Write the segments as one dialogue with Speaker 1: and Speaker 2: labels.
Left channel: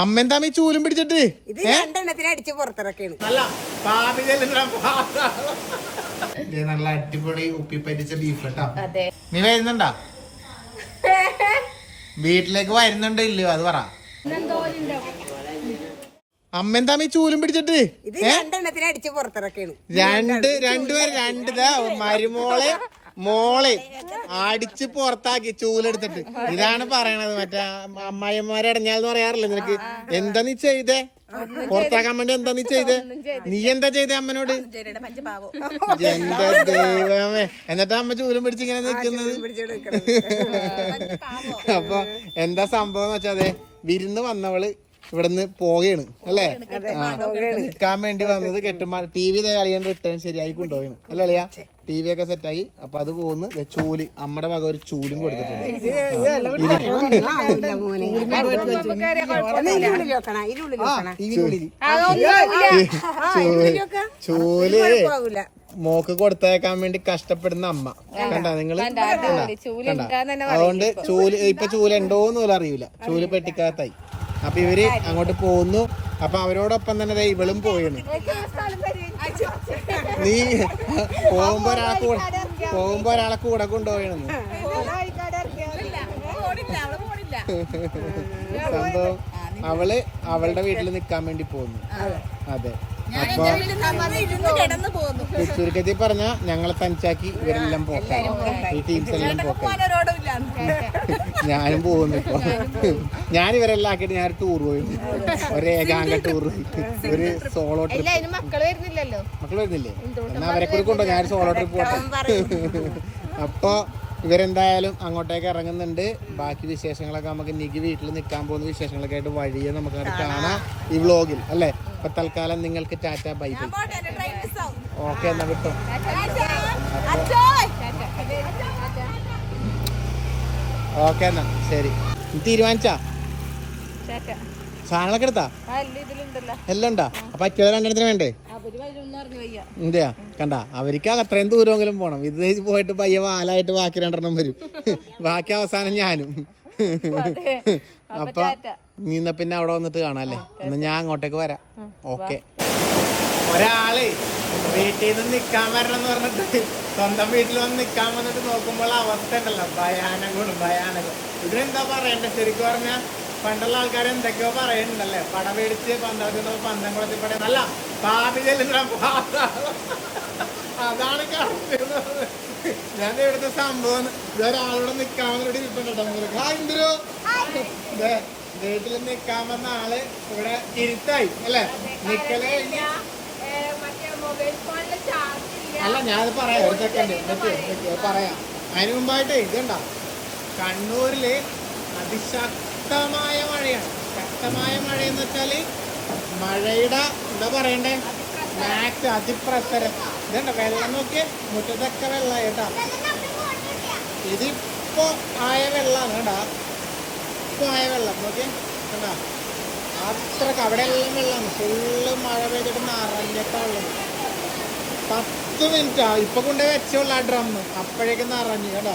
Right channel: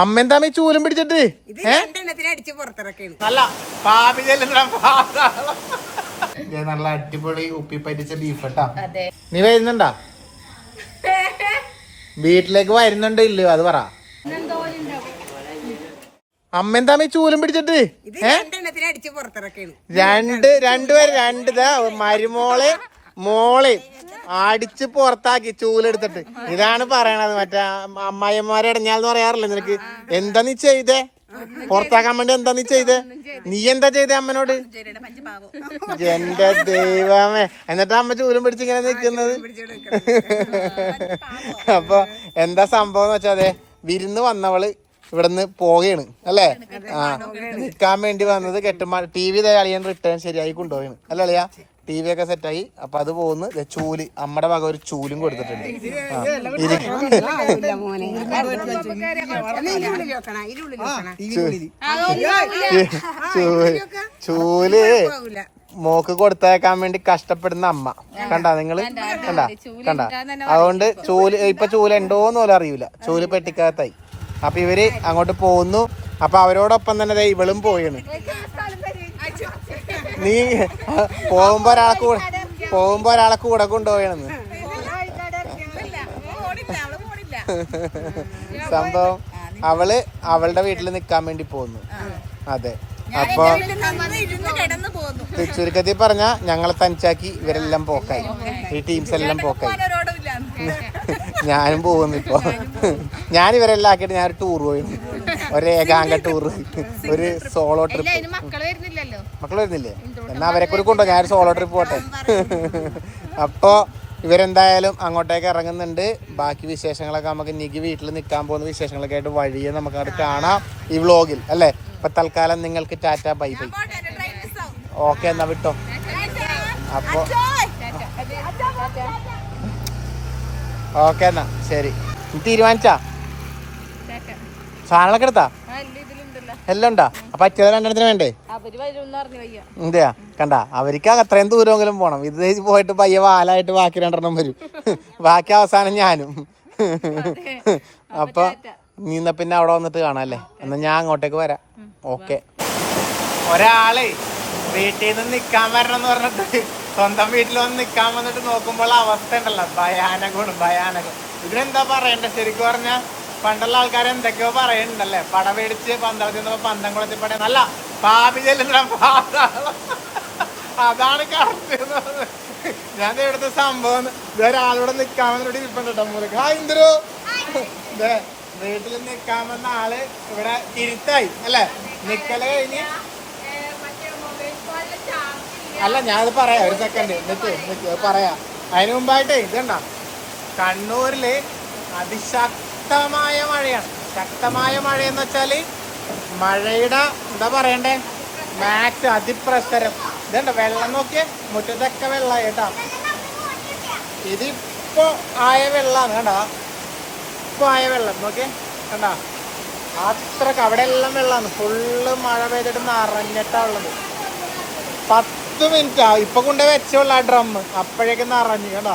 Speaker 1: അമ്മ എന്താ ഈ ചൂലും പിടിച്ചിട്ട്?
Speaker 2: ഇത് രണ്ടെണ്ണത്തിന് അടിച്ച് പുറത്തിറക്കാണ്.
Speaker 1: നല്ല അടിപൊളി ഉപ്പി പറ്റിച്ച ബീഫ് കേട്ടാ
Speaker 3: അതെ.
Speaker 1: നീ വരുന്നുണ്ടാ? വീട്ടിലേക്ക് വരുന്നുണ്ട് ഇല്ല അത് പറ. അമ്മ എന്താ ഈ ചൂലും പിടിച്ചിട്ട്?
Speaker 2: ഇത് രണ്ടെണ്ണത്തിന് അടിച്ച് പുറത്തിറക്കാണ്.
Speaker 1: രണ്ട് രണ്ടുപേരും രണ്ട് ദാ മരുമോൾ മോൾ അടിച്ച് പുറത്താക്കി ചൂലെടുത്തിട്ട്. ഇതാണ് പറയണത്. മറ്റേ അമ്മായിമാരെ ഇടഞ്ഞാന്ന് പറയാറില്ല നിനക്ക്? എന്താ നീ ചെയ്തേ? പുറത്താക്കാൻ വേണ്ടി എന്താ നീ ചെയ്തേ? നീ എന്താ ചെയ്തേ അമ്മനോട്? എന്റെ ദൈവമേ. എന്നിട്ട് അമ്മ ചൂലും പിടിച്ചിങ്ങനെ നിൽക്കുന്നത്. അപ്പൊ എന്താ സംഭവം എന്ന് വെച്ചാ അതെ വിരുന്ന് വന്നവൾ ഇവിടുന്ന് പോവുകയാണ് അല്ലേ? ആ നിക്കാൻ വേണ്ടി വന്നത് കെട്ടുമാ ടി വി അളിയൻ റിട്ടേൺ ശരിയായി കൊണ്ടുപോയാണ് അല്ലേ അളിയ? ടി വി ഒക്കെ സെറ്റായി. അപ്പൊ അത് പോകുന്നു. ചൂലി. അമ്മടെ അമ്മയുടെ വക ഒരു ചൂലും കൊടുത്തിട്ടുണ്ട്.
Speaker 2: ചൂൽ.
Speaker 1: മോക്ക് കൊടുത്തേക്കാൻ വേണ്ടി കഷ്ടപ്പെടുന്ന അമ്മ. കണ്ടാ നിങ്ങൾ കണ്ടാ? കണ്ടാ? അതുകൊണ്ട് ചൂൽ ഇപ്പൊ ചൂൽ ഉണ്ടോന്ന് പോലും അറിയില്ല ചൂൽ പെട്ടിക്കകത്തായി. അപ്പൊ ഇവർ അങ്ങോട്ട് പോകുന്നു അപ്പൊ അവരോടൊപ്പം തന്നെ ഇവളും പോയാണ് നീ പോകുമ്പോ ഒരാളെ കൂടെ പോകുമ്പോ ഒരാളെ കൂടെ കൊണ്ടുപോയണെന്ന് സംഭവം അവൾ അവളുടെ വീട്ടിൽ നിക്കാൻ വേണ്ടി പോന്നു. അതെ. അപ്പൊ ചുരുക്കത്തിൽ പറഞ്ഞ ഞങ്ങളെ തനിച്ചാക്കി ഇവരെല്ലാം പോക്കായി ഈ ടീംസ് എല്ലാം പോക്കായി
Speaker 3: ഓരോടില്ല
Speaker 1: ഞാനും പോകുന്നു ഇപ്പൊ. ഞാൻ ഇവരെല്ലാം ആക്കിയിട്ട് ഞാൻ ടൂർ പോയി. ഒരു ഏകാംഗ ടൂർ ഒരു സോളോ ട്രിപ്പ്
Speaker 3: അതിന് മക്കൾ വരുന്നില്ലല്ലോ.
Speaker 1: മക്കൾ വരുന്നില്ലേ? എന്നാ അവരെ കൂടി കൊണ്ടോ ഞാൻ സോളോ ട്രിപ്പ് പോട്ടെ. അപ്പോ ഇവരെന്തായാലും അങ്ങോട്ടേക്ക് ഇറങ്ങുന്നുണ്ട്. ബാക്കി വിശേഷങ്ങളൊക്കെ നമുക്ക് നിക്ക് വീട്ടിൽ നിൽക്കാൻ പോകുന്ന വിശേഷങ്ങളൊക്കെ ആയിട്ട് വഴിയെ നമുക്ക് അവിടെ കാണാം ഈ വ്ളോഗിൽ അല്ലേ? ഇപ്പൊ തൽക്കാലം നിങ്ങൾക്ക് ടാറ്റ ബൈ ബൈ. ഓക്കെ എന്നാ വിട്ടോ. അപ്പൊ ഓക്കെ എന്നാ ശരി. തീരുമാനിച്ചാ? സാധനങ്ങളൊക്കെ എടുത്താ? എല്ലാം ഉണ്ടാ? അപ്പൊ അച്ഛൻ രണ്ടെണ്ണത്തിന് വേണ്ടേ? എന്തെയാ കണ്ട അവർക്ക് അത്രയും ദൂരമെങ്കിലും പോണം. ഇത് പോയിട്ട് പയ്യ വാലായിട്ട് ബാക്കി രണ്ടെണ്ണം വരും. ബാക്കി അവസാനം ഞാനും. അപ്പൊ നീന്ന പിന്നെ അവിടെ വന്നിട്ട് കാണാല്ലേ എന്നാ ഞാൻ അങ്ങോട്ടേക്ക് വരാം. ഓക്കെ. ഒരാൾ വീട്ടിൽ നിന്ന് നിൽക്കാൻ വരണം എന്ന് പറഞ്ഞിട്ട് സ്വന്തം വീട്ടിൽ വന്ന് നിൽക്കാൻ വന്നിട്ട് നോക്കുമ്പോൾ അവസ്ഥ ഉണ്ടല്ലോ. ഭയാനകമാണ് ഭയാനകം. ഇതിനെന്താ പറയണ്ടേ? ശരിക്കും പറഞ്ഞാൽ പണ്ടുള്ള ആൾക്കാർ എന്തൊക്കെയോ പറയുന്നുണ്ടല്ലേ? പട മേടിച്ച് പന്തളത്തിൽ നിന്നപ്പോ പന്തം കുളത്തിൽ പട നല്ല പാപി ചെല്ലുന്ന. അതാണ് കറക്റ്റ് ഞാൻ ഇവിടുത്തെ സംഭവം ഇതൊരാളിവിടെ നിൽക്കാൻ വന്നിട്ട് ഇരിപ്പുണ്ടോ മുറുക്ക് ആ ദേ, വീട്ടിൽ നിൽക്കാൻ വന്ന ആൾ ഇവിടെ ഇരുത്തായി അല്ലേ? നിക്കൽ കഴിഞ്ഞ് അല്ല ഞാനത് പറയാം. ഒരു സെക്കൻഡ് എന്നിട്ട് പറയാം. അതിനു മുമ്പായിട്ട് ഇതണ്ട കണ്ണൂരിൽ അതിശക്തമായ മഴയാണ്. ശക്തമായ മഴ എന്ന് വെച്ചാൽ മഴയുടെ എന്താ പറയണ്ടേ? മാക്സ് അതിപ്രസരം. ഇതുണ്ട് വെള്ളം നോക്കിയ. മുറ്റത്തൊക്കെ വെള്ളം കേട്ടാ. ഇതിപ്പോ ആയ വെള്ളം കണ്ടാ? ഇപ്പൊ ആയ വെള്ളം. നോക്കിയേ. കണ്ടാ? അത്രയ്ക്ക് അവിടെ എല്ലാം വെള്ളമാണ് ഫുള്ള് മഴ പെയ്തിട്ട് നിറഞ്ഞിട്ടാ ഉള്ളത്. പത്ത് മിനിറ്റ് ആ. ഇപ്പൊ കൊണ്ടേ വെച്ചോളൂ ആ ഡ്രം അപ്പോഴേക്കും നിറഞ്ഞു കേട്ടോ.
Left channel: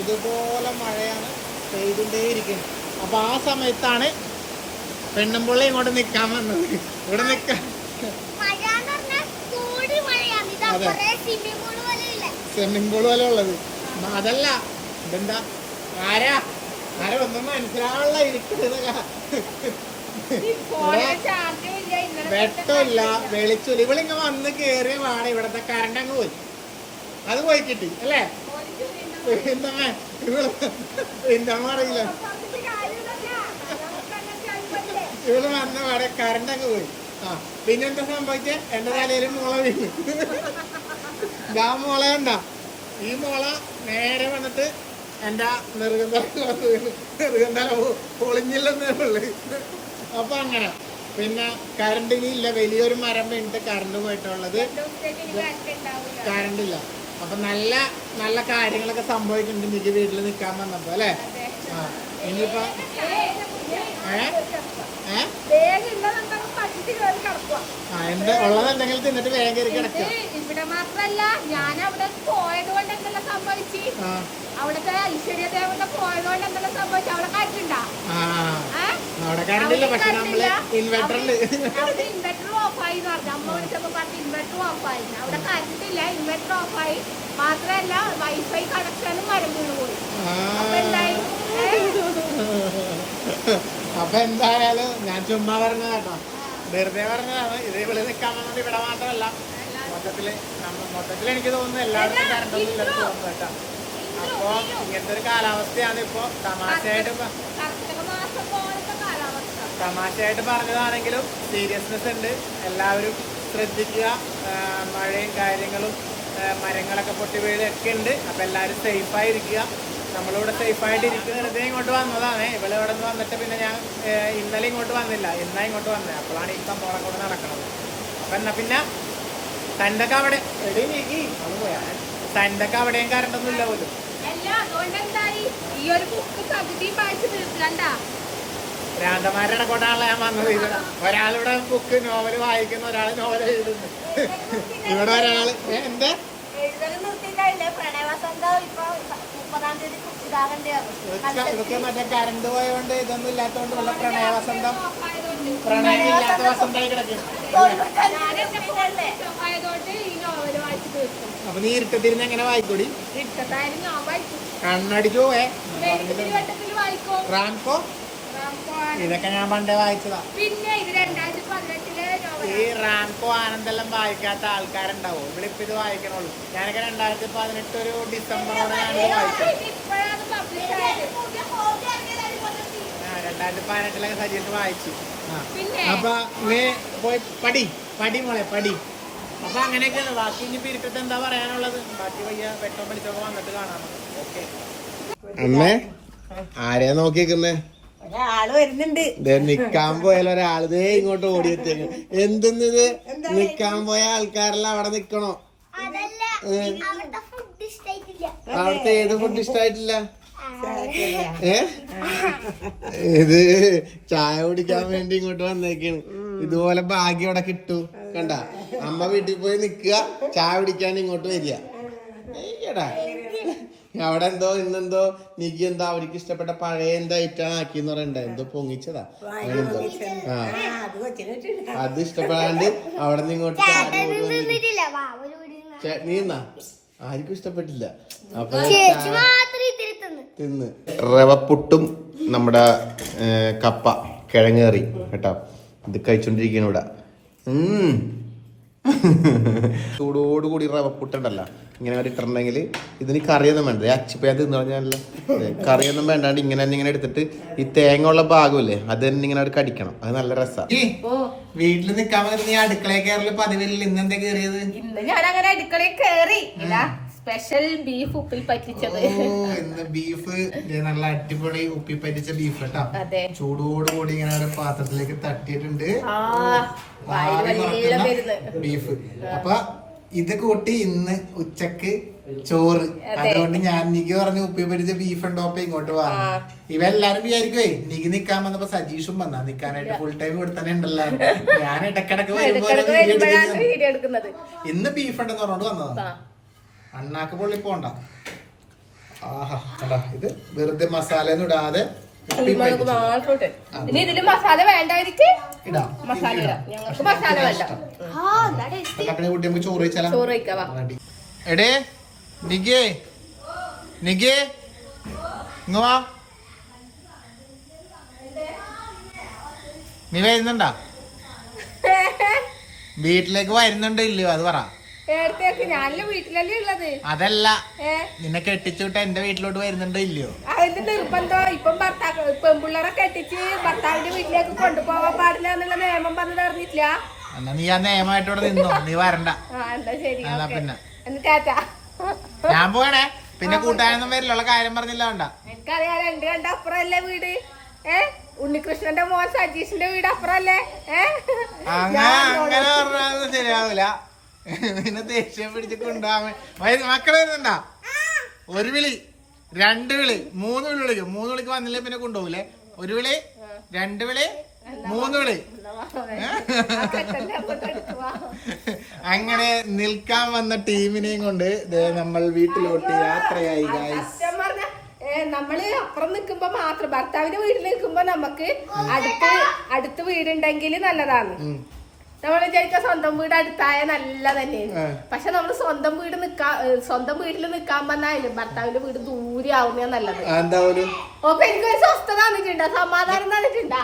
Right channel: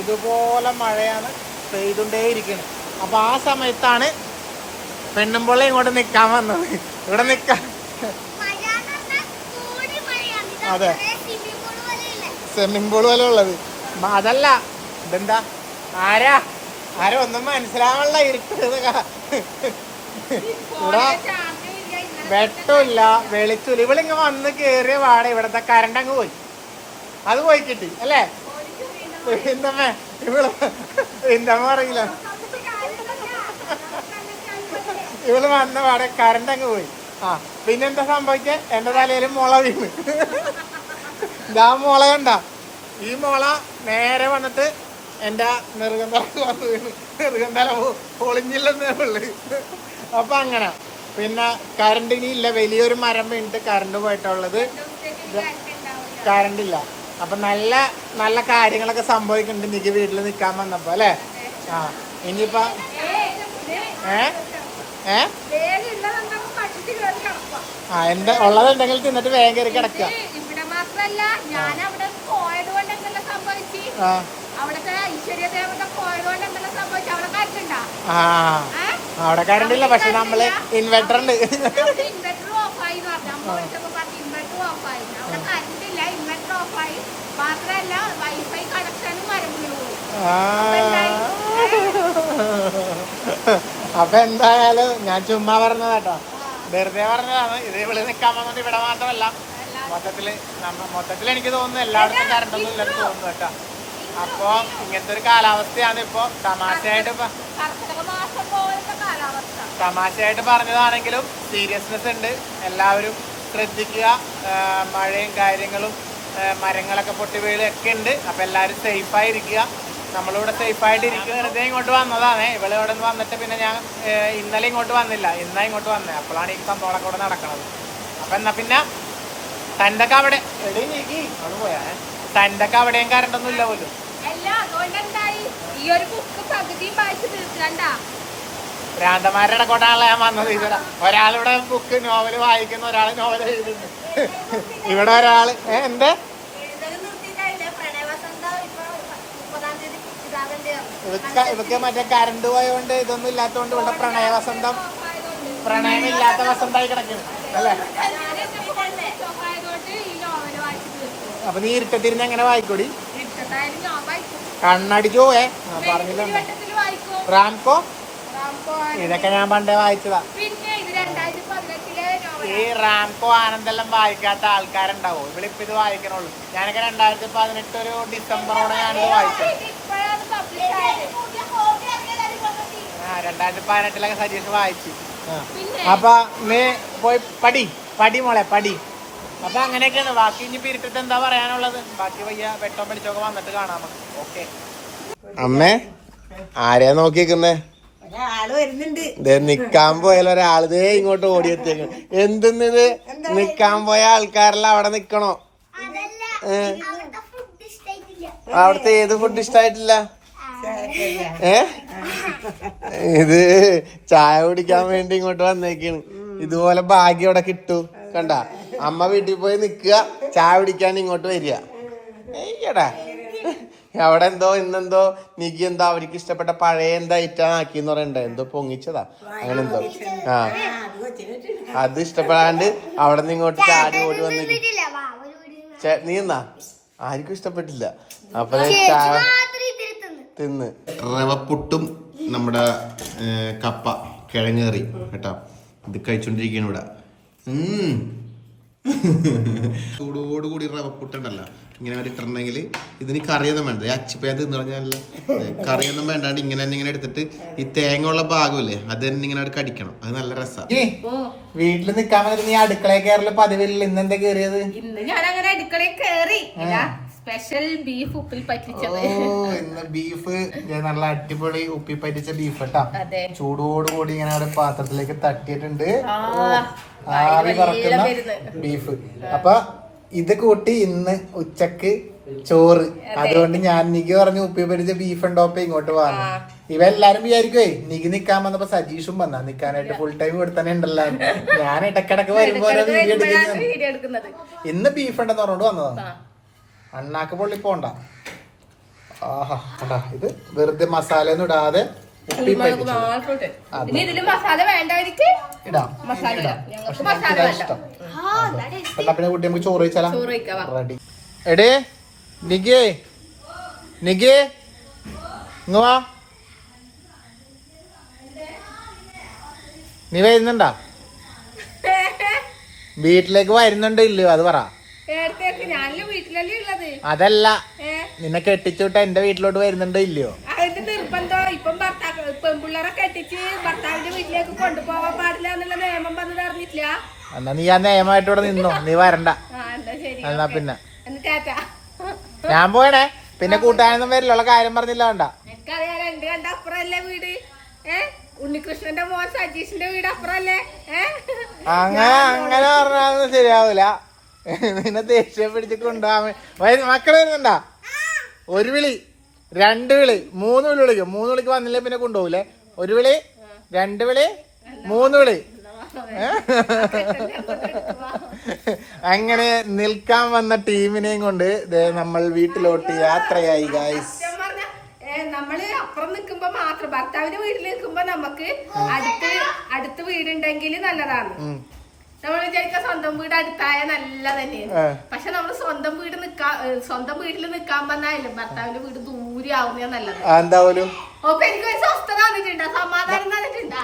Speaker 1: ഇതുപോലെ മഴയാണ് പെയ്തുകൊണ്ടേ ഇരിക്കുന്നത് അപ്പൊ ആ സമയത്താണ് പെണ്ണുമ്പിള്ള ഇങ്ങോട്ട് നിക്കാൻ വന്നത്. ഇവിടെ നിക്കാൻ. അതെ. സ്വിമ്മിംഗ് പൂൾ പോലെ ഉള്ളത്. അതല്ല. ഇതെന്താ? ആരാ? ആരൊന്നും ഒന്നും ഇരിക്കുന്നത് ഇവിടെ വെട്ടമില്ല വെളിച്ചില്ല ഇവളിങ്ങ വന്ന് കേറിയ പാടെ ഇവിടത്തെ കറണ്ട് അങ്ങ് പോയി. അത് പോയി കിട്ടി അല്ലേ? പിന്നമ്മേ ഇവൾ പിന്നമ്മ അറിയില്ല ഇവൾ വന്ന പാടെ കറണ്ട് അങ്ങ് പോയി. ആ പിന്നെന്താ സംഭവിച്ചേ? എന്റെ തലയിൽ മുള വീണ്. ഞാൻ മുള കണ്ട. ഈ മുള നേരെ വന്നിട്ട് എന്റെ നെറുകന്തല വന്ന് വീണ്. നെറുകന്തല പൊളിഞ്ഞില്ലെന്നേ ഉള്ളു. അപ്പൊ അങ്ങനെ. പിന്നെ കറണ്ട് ഇനി ഇല്ല വലിയൊരു മരം വീണിട്ട് കറണ്ട് പോയിട്ടുള്ളത്. കറണ്ട് ഇല്ല. അപ്പൊ നല്ല നല്ല കാര്യങ്ങളൊക്കെ സംഭവിക്കുന്നുണ്ട്. എനിക്ക് വീട്ടിൽ നിൽക്കാൻ വന്നപ്പോ അല്ലേ? ആ ഇനിയിപ്പോ ഏ? ഏ? ആ എന്താ ഉള്ളത് എന്തെങ്കിലും തിന്നിട്ട് വേഗം കയറി കിടക്കുക.
Speaker 3: ഇവിടെ മാത്രല്ല ഞാൻ അവിടെ പോയത് കൊണ്ട് എന്തെല്ലാം സംഭവിച്ചു? അവിടുത്തെ ഐശ്വര്യ ദേവത പോയത് കൊണ്ട് എന്തെല്ലാം സംഭവിച്ചു? അവിടെ കാറ്റുണ്ടാ
Speaker 1: അവിടെ കറണ്ട് ഇല്ല. പക്ഷെ നമ്മൾ ഇൻവെർട്ടർ ഉണ്ട്
Speaker 3: ഇൻവെർട്ടർ ഓഫായി എന്ന് പറഞ്ഞു. അമ്മ വിളിച്ചപ്പോ പറഞ്ഞു ഇൻവെർട്ടർ ഓഫായി അവിടെ കറണ്ട് ഇല്ല ഇൻവെർട്ടർ ഓഫായി മാത്രമല്ല വൈഫൈ കണക്ഷനും മരം വീണ് പോയി.
Speaker 1: ആ.
Speaker 3: അപ്പൊ എന്തായി?
Speaker 1: അപ്പൊ എന്തായാലും ഞാൻ ചുമ്മാ പറഞ്ഞതാ കേട്ടോ വെറുതെ പറഞ്ഞതാണ്. ഇത് ഇവിടെ നിൽക്കാൻ വന്നത് ഇവിടെ മാത്രമല്ല. മൊത്തത്തിൽ മൊത്തത്തിൽ എനിക്ക് തോന്നുന്നു എല്ലായിടത്തും കറണ്ടൊന്നും ഇല്ലെന്ന് തോന്നുന്നു കേട്ടോ. അപ്പൊ ഇങ്ങനത്തെ ഒരു കാലാവസ്ഥയാണ് ഇപ്പൊ. തമാശയായിട്ട് ഇപ്പൊ
Speaker 3: കർക്കിടക മാസം പോലത്തെ കാലാവസ്ഥ
Speaker 1: തമാശയായിട്ട് പറഞ്ഞതാണെങ്കിലും സീരിയസ്നെസ് ഉണ്ട്. എല്ലാവരും ശ്രദ്ധിക്കുക. മഴയും കാര്യങ്ങളും മരങ്ങളൊക്കെ പൊട്ടി വീഴുകയൊക്കെ ഉണ്ട്. അപ്പം എല്ലാവരും സേഫായിരിക്കുക നമ്മളിവിടെ സേഫായിട്ട് ഇരിക്കുന്ന വെറുതെ ഇങ്ങോട്ട് വന്നതാണ്. ഇവിടെ ഇവിടെ നിന്ന് വന്നിട്ട് പിന്നെ ഞാൻ ഇന്നലെ ഇങ്ങോട്ട് വന്നില്ല. ഇന്നാ ഇങ്ങോട്ട് വന്നത് അപ്പോഴാണ് ഈ സംഭവം കൂടെ നടക്കണത്. അപ്പം എന്നാൽ പിന്നെ തന്റെയൊക്കെ അവിടെ എടേ നീക്കി. അത് പോയാ. തന്റെയൊക്കെ അവിടെയും കരണ്ടൊന്നും ഇല്ല പോലും.
Speaker 3: ഈ ഒരു ബുക്ക് പകുതിയും വായിച്ചു തീർക്കണ്ട
Speaker 1: ഭ്രാന്തമാരുടെ ഇടക്കോട്ടാണല്ലോ ഞാൻ വന്നത്. ഇവിടെ ഒരാളിവിടെ ബുക്ക് നോവൽ വായിക്കുന്ന ഒരാൾ നോവൽ എഴുതുന്നു. ഇവിടെ ഒരാൾ എന്ത്? ഇതൊക്കെ മറ്റേ കറണ്ട് പോയതുകൊണ്ട് ഇതൊന്നും ഇല്ലാത്തതുകൊണ്ട് ഇവിടെ പ്രണയവസന്തം പ്രണയം ഇല്ലാത്ത വസന്തമായി കിടക്കുന്നു. അപ്പൊ നീ ഇരുട്ടത്തിരുന്ന് എങ്ങനെ വായിക്കൂടി?
Speaker 3: ഇഷ്ടത്തായാലും ഏ
Speaker 1: റാംകോ? ഇതൊക്കെ ഞാൻ പണ്ടേ വായിച്ചതാ.
Speaker 3: പിന്നെ ഇത് രണ്ടായിരത്തി പതിനെട്ടിലെ
Speaker 1: ഈ റാംകോ ആനന്ദെല്ലാം വായിക്കാത്ത ആൾക്കാരുണ്ടാവും. ഇവളിപ്പോ ഇത് വായിക്കണുള്ളൂ. ഞാനൊക്കെ രണ്ടായിരത്തി പതിനെട്ട് ഒരു ഡിസംബറോടെ ഞാനിത് വായിച്ചു ആ രണ്ടായിരത്തി പതിനെട്ടിലൊക്കെ സജീഷ് വായിച്ചു.
Speaker 3: പിന്നെ
Speaker 1: അപ്പൊ നീ പോയി പടി പടി മോളെ പടി അപ്പൊ അങ്ങനെയൊക്കെയാണ്. ബാക്കി ഇനി പിരിട്ടിട്ട് എന്താ പറയാനുള്ളത്? ബാക്കി വയ്യ വെട്ടം പിടിച്ചൊക്കെ വന്നിട്ട് കാണാം ഓക്കെ. അമ്മേ ആരെയാ നോക്കിക്കുന്നേ നിക്കാൻ പോയാൽ ദേ ഇങ്ങോട്ട് ഓടിയെത്തി എന്തെന്നിത്? നിക്കാൻ പോയ ആൾക്കാരെല്ലാം അവിടെ നിക്കണോ? അവിടുത്തെ ഏത് ഫുഡ് ഇഷ്ടായിട്ടില്ല? ഏ? ഇത് ചായ കുടിക്കാൻ വേണ്ടി ഇങ്ങോട്ട് വന്നേക്കാണ്. ഇതുപോലെ ഭാഗ്യം ഇവിടെ കിട്ടു. കണ്ട? അമ്മ വീട്ടിൽ പോയി നിക്കുക ചായ കുടിക്കാൻ ഇങ്ങോട്ട് വരിക. ഏയ്യടാ അവിടെ എന്തോ ഇന്നെന്തോ നിക്ക് എന്തോ അവർക്ക് ഇഷ്ടപ്പെട്ട പഴയ എന്താ ആക്കി എന്ന് പറയണ്ട. എന്തോ പൊങ്ങിച്ചതാ. അങ്ങനെ എന്തോ ആ. അത് ഇഷ്ടപ്പെടാണ്ട് അവിടെ നിന്ന് ഇങ്ങോട്ട് ചാടി ഓടി വന്നിട്ട് ചേ- നീ എന്നാ ആർക്കും ഇഷ്ടപ്പെട്ടില്ല. അപ്പൊ തിന്ന്. റവപ്പുട്ടും നമ്മുടെ കപ്പ കിഴങ്ങേറി കേട്ടോ. ഇത് കഴിച്ചോണ്ടിരിക്കണ ഇവിടെ. ചൂടോടുകൂടി റവപ്പുട്ടുണ്ടല്ലോ ഇങ്ങനെ ഇട്ടിട്ടുണ്ടെങ്കിൽ ഇതിന് കറിയൊന്നും വേണ്ട. അച്ചിപ്പയാ ഞാൻ തിന്നു പറഞ്ഞാൽ കറിയൊന്നും വേണ്ടാണ്ട് ഇങ്ങനെ തന്നെ ഇങ്ങനെ എടുത്തിട്ട് ഈ തേങ്ങ ഉള്ള ഭാഗമില്ലേ അത് തന്നെ ഇങ്ങനെ അവിടെ കടിക്കണം. അത് നല്ല രസമാണ് വീട്ടിൽ നിൽക്കാൻ പറ്റുന്ന നീ അടുക്കളയിൽ കയറൽ പതിവില്ല. ഇന്നെന്താ കയറിയത്?
Speaker 3: ഇന്ന് ഞാൻ അങ്ങനെ അടുക്കളയിൽ കേറി സ്പെഷ്യൽ ബീഫ് ഉപ്പിൽ പറ്റിച്ചത്.
Speaker 1: ഓ ഇന്ന് ബീഫ് നല്ല അടിപൊളി ഉപ്പി പറ്റിച്ച ബീഫ് കേട്ടാ
Speaker 3: ചൂടോട്
Speaker 1: ചൂടോടുകൂടി ഇങ്ങനെ ഒരു പാത്രത്തിലേക്ക് തട്ടിയിട്ടുണ്ട്. ബീഫ് അപ്പൊ ഇത് കൂട്ടി ഇന്ന് ഉച്ചയ്ക്ക് ചോറ്. അതുകൊണ്ട് ഞാൻ നിക്ക് പറഞ്ഞു ഉപ്പി പിടിച്ച ബീഫ് ഉണ്ടോപ്പ ഇങ്ങോട്ട് വാങ്ങി ഇവരെല്ലാരും വിചാരിക്കുവേ നിക്ക് നിക്കാൻ വന്നപ്പോ സജീഷും വന്നാ. നിക്കാനായിട്ട് ഫുൾ ടൈം കൊടുത്തന്നെ തന്നെ ഉണ്ടല്ലോ ഞാൻ ഇടക്കിടക്ക് ഇന്ന് ബീഫ് ഉണ്ടെന്ന് പറഞ്ഞോണ്ട് വന്നതാ. അണ്ണാക്ക പൊള്ളി പോണ്ട. ആഹാ ഇത് വെറുതെ മസാല ഒന്നും ഇടാതെ
Speaker 3: ഇതിൽ മസാല വേണ്ടവർക്ക്
Speaker 1: ഇടാം.
Speaker 3: മസാല ഇടാം. ഞങ്ങൾക്ക് മസാല വേണ്ട.
Speaker 1: ഉണ്ടാക്കുന്ന കുട്ടി നമുക്ക് ചോറ് വെച്ചാലാ.
Speaker 3: ചോറ് വയ്ക്കാം
Speaker 1: റെഡി. എടേ നിഗേ നിഗേ ഇങ്ങ് വാ. നീ വരുന്നുണ്ടാ? വീട്ടിലേക്ക് വരുന്നുണ്ടോ ഇല്ലയോ അത് പറ. അതല്ല. നിന്നെ കെട്ടിച്ചുവിട്ട് എന്റെ വീട്ടിലോട്ട് വരുന്നുണ്ടോ ഇല്ലയോ?
Speaker 3: അതിന്റെ നിർബന്ധം. ഇപ്പം ഭർത്താക്ക പെൺപിള്ളേരെ കെട്ടിച്ച് ഭർത്താവിന്റെ വീട്ടിലേക്ക് കൊണ്ടുപോവാൻ പാടില്ല എന്നുള്ള നിയമം വന്നത് അറിഞ്ഞിട്ടില്ല?
Speaker 1: എന്നാ നീ ആ നിയമമായിട്ട് ഇവിടെ നിന്നോ. നീ വരണ്ട.
Speaker 3: ആ എന്താ ശരി
Speaker 1: എന്നാ. പിന്നെ.
Speaker 3: എന്നാ ടാറ്റാ.
Speaker 1: ഞാൻ പോയണേ പിന്നെ കൂട്ടാനൊന്നും വരില്ല കാര്യം പറഞ്ഞില്ല വേണ്ട.
Speaker 3: എനിക്കറിയാം രണ്ട് കണ്ട അപ്പുറല്ലേ വീട്? ഏ? ഉണ്ണികൃഷ്ണന്റെ മോൻ സജീഷിന്റെ വീട് അപ്പുറല്ലേ? ഏ?
Speaker 1: അങ്ങനെ അങ്ങനെ പറഞ്ഞാൽ ശരിയാവൂല. നിന്നെ ദേഷ്യം പിടിച്ച് കൊണ്ടുപോകാൻ വേ- മക്കളെ ഒരു വിളി. രണ്ട് വിളി മൂന്ന് വിളി വിളിക്കും. മൂന്ന് വിളിക്ക് വന്നില്ലേ പിന്നെ കൊണ്ടുപോകില്ലേ ഒരു വിളി രണ്ട് വിളി മൂന്ന് വിളി. അങ്ങനെ നിൽക്കാൻ വന്ന ടീമിനെയും കൊണ്ട് നമ്മൾ വീട്ടിലോട്ട് യാത്രയായി ഗായ്സ്
Speaker 3: നമ്മൾ അപ്പുറം നിക്കുമ്പോ മാത്രം ഭർത്താവിന്റെ വീട്ടിൽ നിൽക്കുമ്പോ നമുക്ക് അടുത്ത് അടുത്ത് വീടുണ്ടെങ്കിൽ നല്ലതാണ്. നമ്മൾ വിചാരിക്ക സ്വന്തം വീട് അടുത്തായ നല്ല തന്നെയാണ് പക്ഷെ നമ്മൾ സ്വന്തം വീട് നിക്കാ സ്വന്തം വീട്ടിൽ നിക്കാൻ വന്നാലും ഭർത്താവിന്റെ വീട് ദൂരെ ആവുന്ന നല്ലത്. അപ്പൊ എനിക്ക് ഒരു സ്വസ്ഥത തന്നിട്ടുണ്ടോ സമാധാനം തന്നിട്ടുണ്ടോ.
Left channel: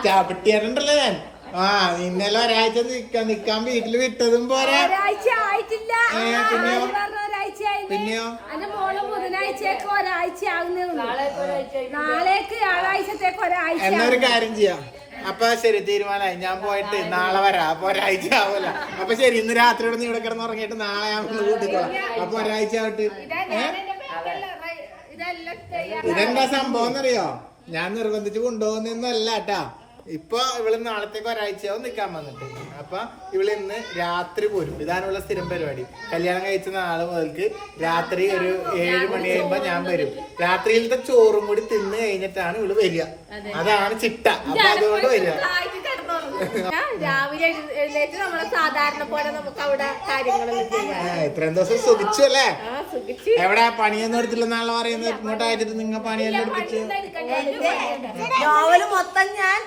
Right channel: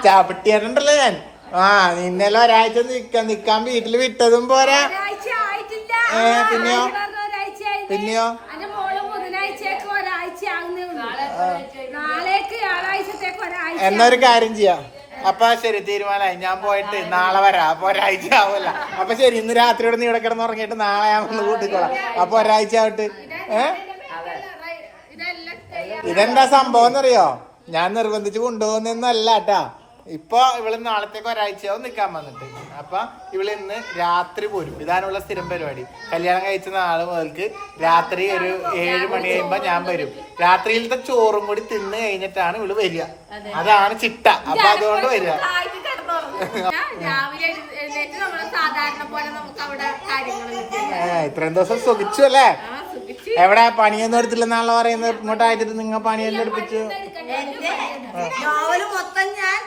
Speaker 1: ഞാൻ? ആ ഇന്നലെ ഒരാഴ്ച നിക്കാൻ നിക്കാൻ വീട്ടിൽ വിട്ടതും പോരാ.
Speaker 3: ഒരാഴ്ച ആയിട്ടില്ല.
Speaker 1: പിന്നെയോ? പിന്നെയോ?
Speaker 3: ഒരാഴ്ച ആകുന്നേ നാളേക്ക് വ്യാഴാഴ്ചത്തേക്ക് ഒരാഴ്ച
Speaker 1: എന്നാ ഒരു കാര്യം ചെയ്യാം. അപ്പൊ ശരി തീരുമാനമായി. ഞാൻ പോയിട്ട് നാളെ വരാം. അപ്പൊ ഒരാഴ്ച ആവൂല. അപ്പൊ ശരി ഇന്ന് രാത്രി ഇവിടെ നീ ഇവിടെ കിടന്ന് ഉറങ്ങിയിട്ട് നാളെ ഞാൻ ഒന്ന് കൂട്ടിക്കോളാം. അപ്പൊ ഒരാഴ്ച ആവട്ട്. ഇതെന്താ സംഭവം എന്നറിയോ? ഞാൻ നിർബന്ധിച്ച് കൊണ്ടുപോകുന്നൊന്നും അല്ല കേട്ടാ. ഇപ്പൊ ഇവൾ നാളത്തേക്ക് ഒരാഴ്ചയാവും നിക്കാൻ വന്നിട്ട്. അപ്പൊ ഇവൾ ഇന്ന് രാത്രി പോരും. ഇതാണുള്ള സ്ഥിരം പരിപാടി. കല്യാണം കഴിച്ച നാളെ മുതൽക്ക് രാത്രി ഒരു ഏഴ് മണി കഴിയുമ്പോ ഞാൻ വരും. രാത്രിയിലത്തെ ചോറും കൂടി തിന്ന് കഴിഞ്ഞിട്ടാണ് ഇവൾ വരിക. അതാണ് ചിട്ട. അപ്പൊ അതുകൊണ്ട് വരിക.
Speaker 3: ഞാൻ രാവിലെ എഴു- എഴുന്നേറ്റ് നമ്മളെ സാധാരണ പോലെ നമുക്ക് അവിടെ കാര്യങ്ങളൊന്നും
Speaker 1: ഇത്രയും ദിവസം സുഖിച്ചു അല്ലേ? എവിടെ? പണിയൊന്നും എടുത്തില്ലെന്നാണല്ലോ പറയുന്നത്. ഇങ്ങോട്ടായിട്ട് നിങ്ങൾ പണിയൊന്നും എടുപ്പിച്ചു
Speaker 2: നോവൽ മൊത്തം ഞാൻ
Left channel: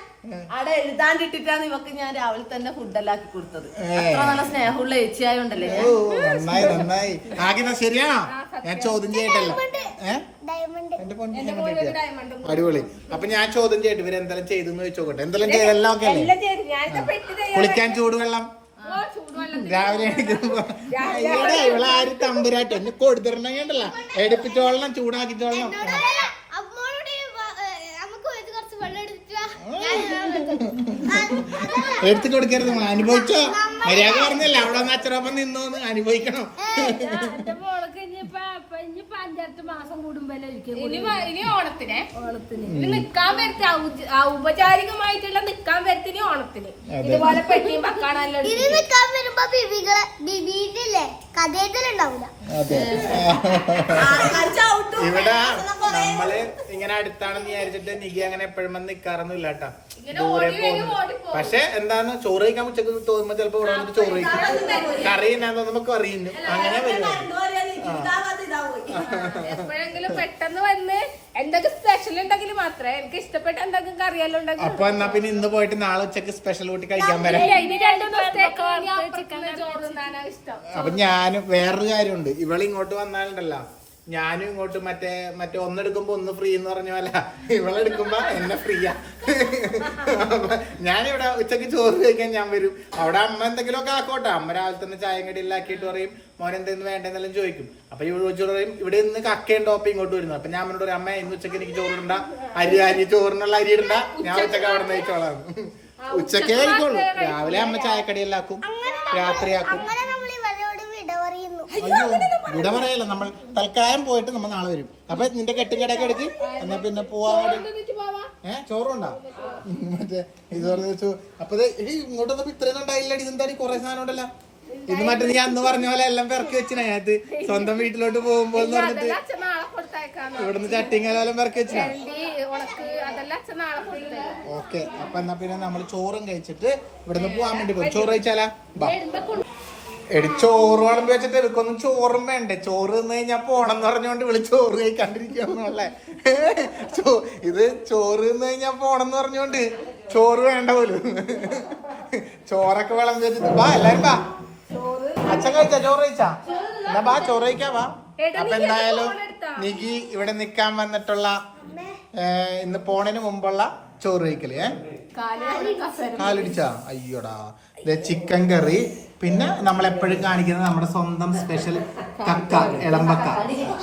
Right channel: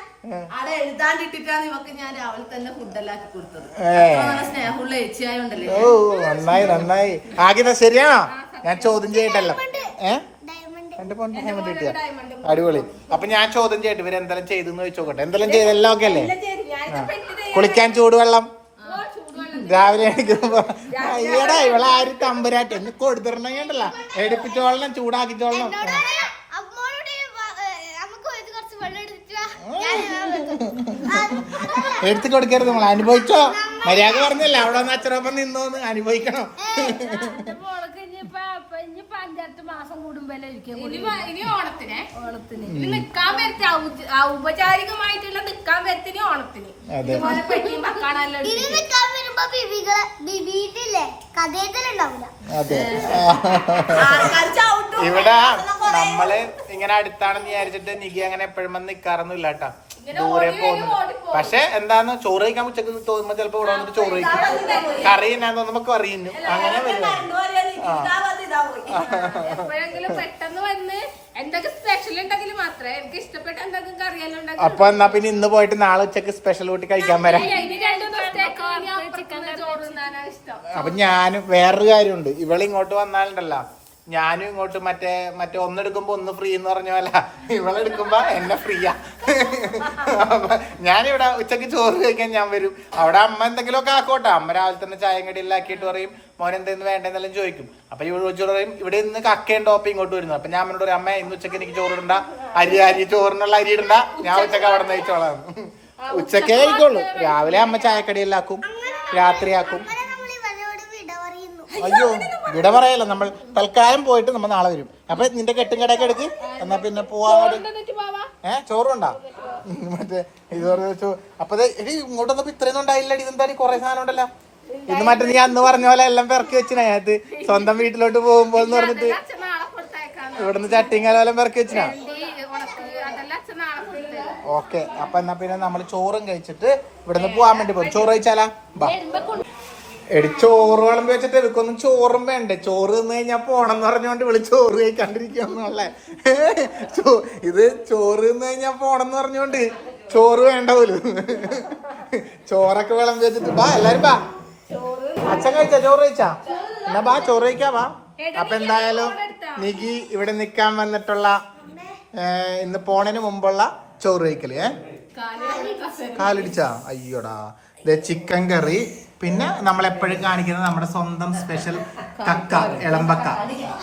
Speaker 2: അവിടെ എഴുതാണ്ടിട്ടിട്ടാണ് ഇവക്ക് ഞാൻ രാവിലെ തന്നെ ഫുഡെല്ലാം ആക്കി കൊടുത്തത്. അത്ര നല്ല സ്നേഹമുള്ള ഏച്ചിയായോണ്ടല്ലേ
Speaker 1: നന്നായി നന്നായി. ആകിത ശരിയാണോ? ഞാൻ ചോദ്യം diamond അടിപൊളി. അപ്പൊ ഞാൻ ചോദ്യം ചെയ്യട്ടെ ഇവർ എന്തെല്ലാം ചെയ്തെന്ന് ചോദിച്ചോട്ടെ എന്തെല്ലാം ചെയ്തെല്ലാം ഒക്കെ അല്ലേ? കുളിക്കാൻ ചൂടുവെള്ളം.
Speaker 3: ഓ, ചൂടുവെള്ളം
Speaker 1: രാവിലെ ഇവളെ ആര് തമ്പുരാട്ട്. എന്ന് കൊടുത്തിരണമെങ്കിണ്ടല്ല എടുപ്പിച്ചോളണം ചൂടാക്കിച്ചോളണം
Speaker 4: അമ്മോളോട് വ- ഏ, നമുക്ക് ഒരു കുറച്ച് വെള്ളം എടുത്തിട്ട് വാ. ഞാൻ
Speaker 1: എടുത്തു കൊടുക്കരുത് നമ്മൾ അനുഭവിച്ചോ? മര്യാദ പറഞ്ഞല്ലേ അവിടെ വന്ന് അച്ഛനൊപ്പം നിന്നോന്ന് അനുഭവിക്കണം
Speaker 5: എന്റെ മോൾക്ക് ഇനിയിപ്പോ ഇപ്പൊ ഇനിയിപ്പോ മാസം കൂടുമ്പോഴല്ലേ ഇരിക്കും
Speaker 3: ഇനി ഇനി ഓണത്തിന്.
Speaker 5: ഓണത്തിന്.
Speaker 3: നിക്കാൻ വരത്തി ഔപചാരികമായിട്ടുള്ള നിക്കാൻ വരത്തിന് ഓണത്തിന്. ഇതുപോലെ പെട്ടിയും പക്കാണെല്ലാം
Speaker 1: ഇവിടെ നമ്മൾ ഇങ്ങനെ അടുത്താണെന്ന് വിചാരിച്ചിട്ട് നികി അങ്ങനെ എപ്പോഴും വന്ന് നിക്കാറൊന്നുമില്ല കേട്ടാ ദൂരെ പോകുന്നു. പക്ഷെ എന്താന്ന് ചോറ് കഴിക്കാൻ ഉച്ചയ്ക്ക് തോന്നുമ്പോ ചിലപ്പോ ഇവിടെ വന്നിട്ട് ചോറ് കഴിക്കും. കറി എന്നാന്ന് തോന്നുമ്പോ കറിയുന്നു. അങ്ങനെ അങ്ങനെ പരിപാടി
Speaker 3: എപ്പോഴെങ്കിലും പെട്ടെന്ന് വന്ന് എന്തൊക്കെ സ്പെഷ്യൽ ഉണ്ടെങ്കിൽ മാത്രമേ എനിക്ക് ഇഷ്ടപ്പെട്ട എന്തെങ്കിലും കറിയെല്ലാം ഉണ്ടെങ്കിൽ
Speaker 1: അപ്പൊ എന്നാ പിന്നെ ഇന്ന് പോയിട്ട് നാളെ ഉച്ചയ്ക്ക് സ്പെഷ്യൽ കൂട്ടി കഴിക്കാൻ വരാം. അപ്പൊ ഞാൻ വേറൊരു കാര്യമുണ്ട്. ഇവൾ ഇങ്ങോട്ട് വന്നാലുണ്ടല്ലോ. ഞാനും ഇങ്ങോട്ട് മറ്റേ മറ്റേ ഒന്നെടുക്കുമ്പോ ഒന്ന് ഫ്രീ എന്ന് പറഞ്ഞ പോലെ. ഇവളെടുക്കുമ്പോ എന്നെ ഫ്രീയാ ഞാനിവിടെ ഉച്ചയ്ക്ക് ചോറ് കഴിക്കാൻ ഞാൻ വരും. അവിടെ അമ്മ എന്തെങ്കിലുമൊക്കെ ആക്കോട്ടെ. അമ്മ രാവിലെ തന്നെ ചായം കടിയെല്ലാം ആക്കിയിട്ട് പറയും മോൻ എന്തെന്ന് വേണ്ടെന്നെല്ലാം ചോദിക്കും. അപ്പൊ ഇവിടെ ഉച്ച പറയും ഇവിടെ ഇന്ന് കക്കയും ടോപ്പ് ഇങ്ങോട്ട് വരുന്നു. അപ്പൊ ഞാൻ അമ്മയോട് പറയും അമ്മ ഇന്ന് ഉച്ചയ്ക്ക് എനിക്ക് ചോറ് ഇടണ്ട. അരി അരി ചോറിനുള്ള അരി ഇടണ്ട. ഞാൻ ഉച്ചയ്ക്ക് അവിടെ നിന്ന് കഴിച്ചോളാം. ഉച്ചക്കേ കഴിക്കുള്ളൂ. രാവിലെ അമ്മ ആക്കും. രാത്രിയാക്കും
Speaker 4: ആക്കും. വിട പറയുന്നു.
Speaker 1: അയ്യോ ഇവിടെ പറയല്ലോ. നമ്മൾ തൽക്കാലം പോയിട്ട് നമ്മൾ നാളെ വരും. അപ്പൊ നിന്റെ കെട്ടുകടയൊക്കെ എടുത്ത് എന്നാ പിന്നെ പോവാൻ ഏ ചോറുണ്ടാ? മറ്റേ ഇത് വെച്ചു. അപ്പൊ ദേ, എടി ഇങ്ങോട്ട് വന്നപ്പോ ഇത്രയൊന്നും ഉണ്ടായില്ലടി. ഇതെന്താടി കൊറേ സാധനം ഉണ്ടല്ലോ? ഇന്ന് മറ്റേ നീ അന്ന് പറഞ്ഞ പോലെ എല്ലാം പെറക്കി വെച്ചിനകത്ത് സ്വന്തം വീട്ടിലോട്ട് പോകുമ്പോ എന്ന് പറഞ്ഞിട്ട്
Speaker 3: അതെല്ലാം അച്ഛൻ നാളെ കൊടുത്തേക്കാന്ന്
Speaker 1: പെറക്കി വെച്ചിനാ? ഓക്കെ അപ്പൊ എന്നാ പിന്നെ നമ്മൾ ചോറും കഴിച്ചിട്ട് ഇവിടുന്ന് പോവാൻ വേണ്ടി പോകും. ചോറ് കഴിച്ചാലാ? ബാ. എടി ചോറ് വിളമ്പ് വെച്ചിട്ട് എടുക്കൊന്നും ചോറും വേണ്ടേ? ചോറ് തിന്നു കഴിഞ്ഞാ പോണം എന്ന് പറഞ്ഞുകൊണ്ട് വിളി ചോറ് കഴിക്കാണ്ടിരിക്കുന്നല്ലേ ഇത് ചോറ് തിന്നു കഴിഞ്ഞാ പോണം എന്ന് പറഞ്ഞുകൊണ്ട് ചോറ് വേണ്ട ഒരു ചോറൊക്കെ വിളമ്പ് വെച്ചിട്ട്. എല്ലാരും അച്ഛൻ ചോറ് കഴിച്ചാ? എന്നാ ചോറ് കഴിക്കാവാ അപ്പൊ എന്തായാലും നികി ഇവിടെ നിക്കാൻ വന്നിട്ടുള്ള ഇന്ന് പോണതിന് മുമ്പുള്ള ചോറ് കഴിക്കൽ ഏഹ് കാലടിച്ചാ? അയ്യോടാ. ചിക്കൻ കറി പിന്നെ നമ്മൾ എപ്പോഴും കാണിക്കുന്നത് നമ്മുടെ സ്വന്തം സ്പെഷ്യൽ കക്ക ഇളമ്പക്ക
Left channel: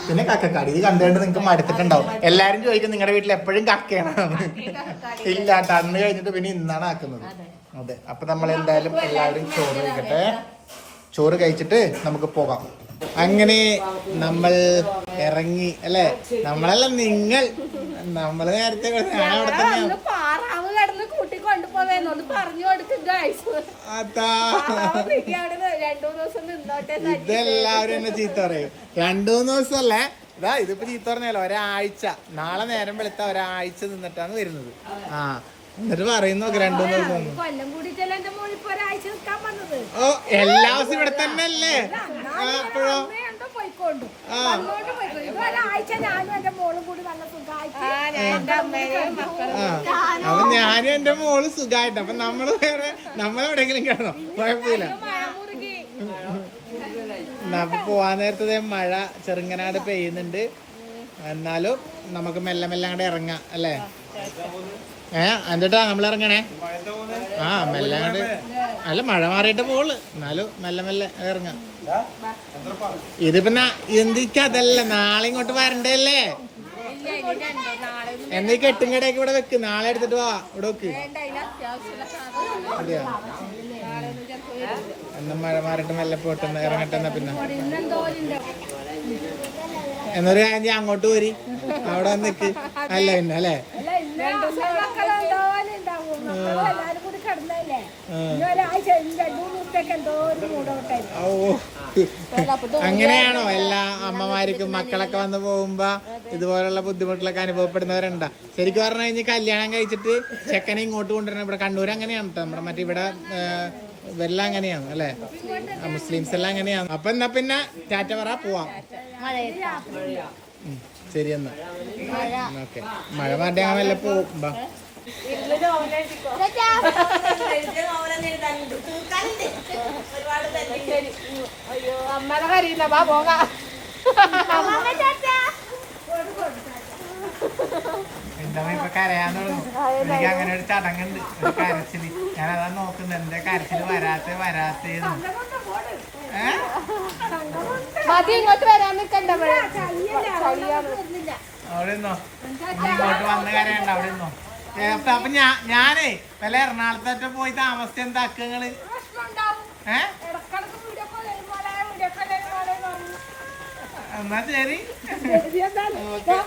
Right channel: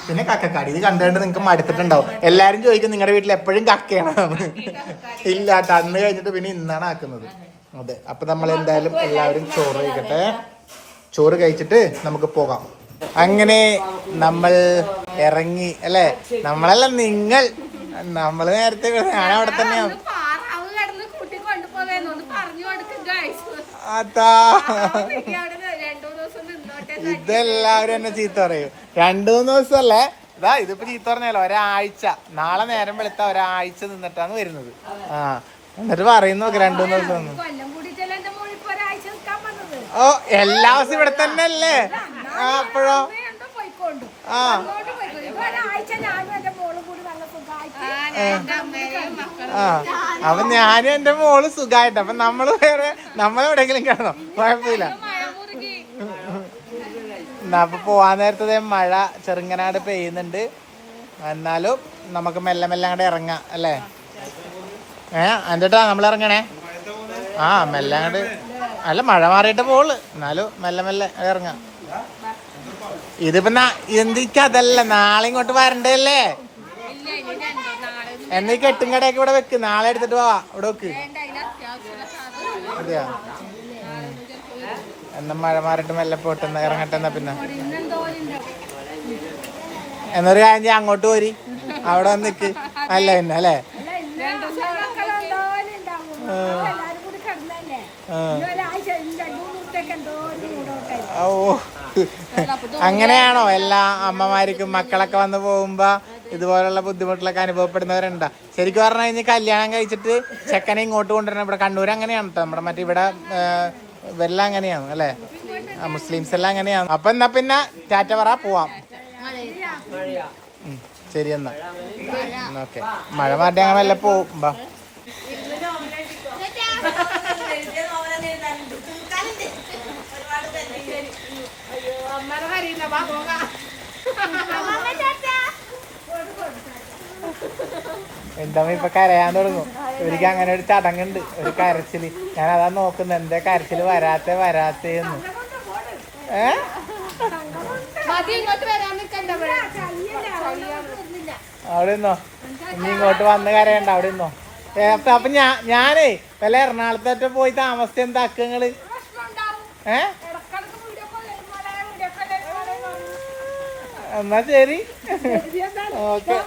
Speaker 1: പിന്നെ കക്കക്കാടി. ഇത് കണ്ടുകൊണ്ട് നിങ്ങൾക്ക് മടുത്തിട്ടുണ്ടാവും. എല്ലാരും ചോദിക്കും നിങ്ങളുടെ വീട്ടിൽ എപ്പോഴും കക്കയാണ്? ഇല്ല കണ്ണ് കഴിഞ്ഞിട്ട് പിന്നെ ഇന്നാണ് ആക്കുന്നത്. അതെ. അപ്പൊ നമ്മൾ എന്തായാലും എല്ലാവരും ചോറ് കഴിക്കട്ടെ. ചോറ് കഴിച്ചിട്ട് നമുക്ക് പോകാം. അങ്ങനെ നമ്മൾ ഇറങ്ങി അല്ലെ? നമ്മളല്ല നിങ്ങൾ. നമ്മൾ നേരത്തെ അവിടെ തന്നെയാണ്
Speaker 3: അന്ന് പാറാവ് കിടന്ന് കൂട്ടി കൊണ്ടുപോവേന്ന് ഒന്ന് പറഞ്ഞു കൊടുക്കും ഗൈസ്
Speaker 1: അതാ
Speaker 3: അവിടെ രണ്ടു ദിവസം നിന്നോട്ടെ എന്ന്
Speaker 1: ഇതെല്ലാവരും എന്നെ ചീത്ത പറയും. രണ്ടു മൂന്ന് ദിവസമല്ലേ. ഇതാ ഇതിപ്പോ ചീത്ത പറഞ്ഞല്ലോ ഒരാഴ്ച. നാളെ നേരം വെളുത്ത ഒരാഴ്ച നിന്നിട്ടാണ് വരുന്നത്. ആ എന്നിട്ട് പറയുന്നു രണ്ടു മൂന്ന് ദിവസം ഓ എല്ലാ ദിവസവും ഇവിടെ തന്നെ അല്ലേ അപ്പോഴോ? അപ്പൊ ഞാനും എന്റെ മോൾ സുഖായിട്ട്. അപ്പൊ നമ്മൾ വേറെ നമ്മളെവിടെങ്കിലും കിടന്നോ? കുഴപ്പമില്ല. എന്നാ, അപ്പൊ പോവാൻ നേരത്തെ മഴ ചെറുങ്ങനാട് പെയ്യുന്നുണ്ട്. എന്നാലും നമുക്ക് മെല്ലെ മെല്ലെ അങ്ങോട്ട് ഇറങ്ങാം അല്ലേ? ഏ എന്നിട്ടാ നമ്മൾ ഇറങ്ങണേ? ആ മെല്ലെ അങ്ങോട്ട് അല്ല മഴ മാറിയിട്ട് പോൾ എന്നാലും മെല്ലെ മെല്ലെ ഇറങ്ങാം. ഇതിപ്പോ എന്തിക്ക് അതല്ല നാളെ ഇങ്ങോട്ട് വരണ്ടല്ലേ എന്നീ കെട്ടും കടയൊക്കെ ഇവിടെ വെക്ക് നാളെ എടുത്തിട്ട് പോവാ ഇവിടെ വെക്ക്. അതെയാ? എന്നാ മഴ മാറിട്ട് മെല്ലെ പോട്ടെ ഇറങ്ങട്ടെ എന്നാ പിന്നെ. എന്നൊരു കാര്യം ചെയ്യാം അങ്ങോട്ട് പോരി. അവിടെ വന്ന് നിക്ക്. അല്ല പിന്നെ അല്ലേ?
Speaker 5: ഒരാഴ്ച
Speaker 1: ഓ അങ്ങനെയാണോ? എല്ലാ അമ്മമാർക്കും മക്കളൊക്കെ വന്ന് പോകുമ്പോ ഇതുപോലുള്ള ബുദ്ധിമുട്ടിലൊക്കെ അനുഭവപ്പെടുന്നവരുണ്ടാ? ശരിക്കും പറഞ്ഞു കഴിഞ്ഞാൽ കല്യാണം കഴിച്ചിട്ട് ചെക്കനെ ഇങ്ങോട്ട് കൊണ്ടുവരണം. ഇവിടെ കണ്ണൂർ അങ്ങനെയാണ് കേട്ടോ നമ്മുടെ മറ്റേ ഇവിടെ ഇവരെല്ലാം അങ്ങനെയാണ് അല്ലേ? മുസ്ലിംസ് എല്ലാം അങ്ങനെയാണ്. അപ്പൊ എന്നാ പിന്നെ ടാറ്റ പറ പോവാം. ശരി എന്നാ. ഓക്കെ. മഴ മാറ്റി അങ്ങനെ വല്ല പോവും.
Speaker 3: അയ്യോ അമ്മയുടെ കരയില്ല വാ പോകാം.
Speaker 1: എന്താ ഇപ്പൊ കരയാൻ തുടങ്ങും? എനിക്ക് അങ്ങനെ ഒരു ചടങ്ങുണ്ട് ഒരു കരച്ചിൽ. ഞാൻ അതാ നോക്കുന്നത്. എന്റെ കരച്ചിൽ? വരാത്ത വരാത്തേന്ന്
Speaker 3: നിക്കണ്ട
Speaker 1: അവിടെ നിന്നോ? ഇനി ഇങ്ങോട്ട് വന്ന് കരയണ്ട അവിടെ നിന്നോ? അപ്പൊ അപ്പൊ ഞാ ഞാനേ വല്ല എറണാകുളത്തോട്ട് പോയി താമസിച്ച എന്താ അക്കങ്ങൾ? ഏ? എന്നാ ശരി. ഓക്കെ.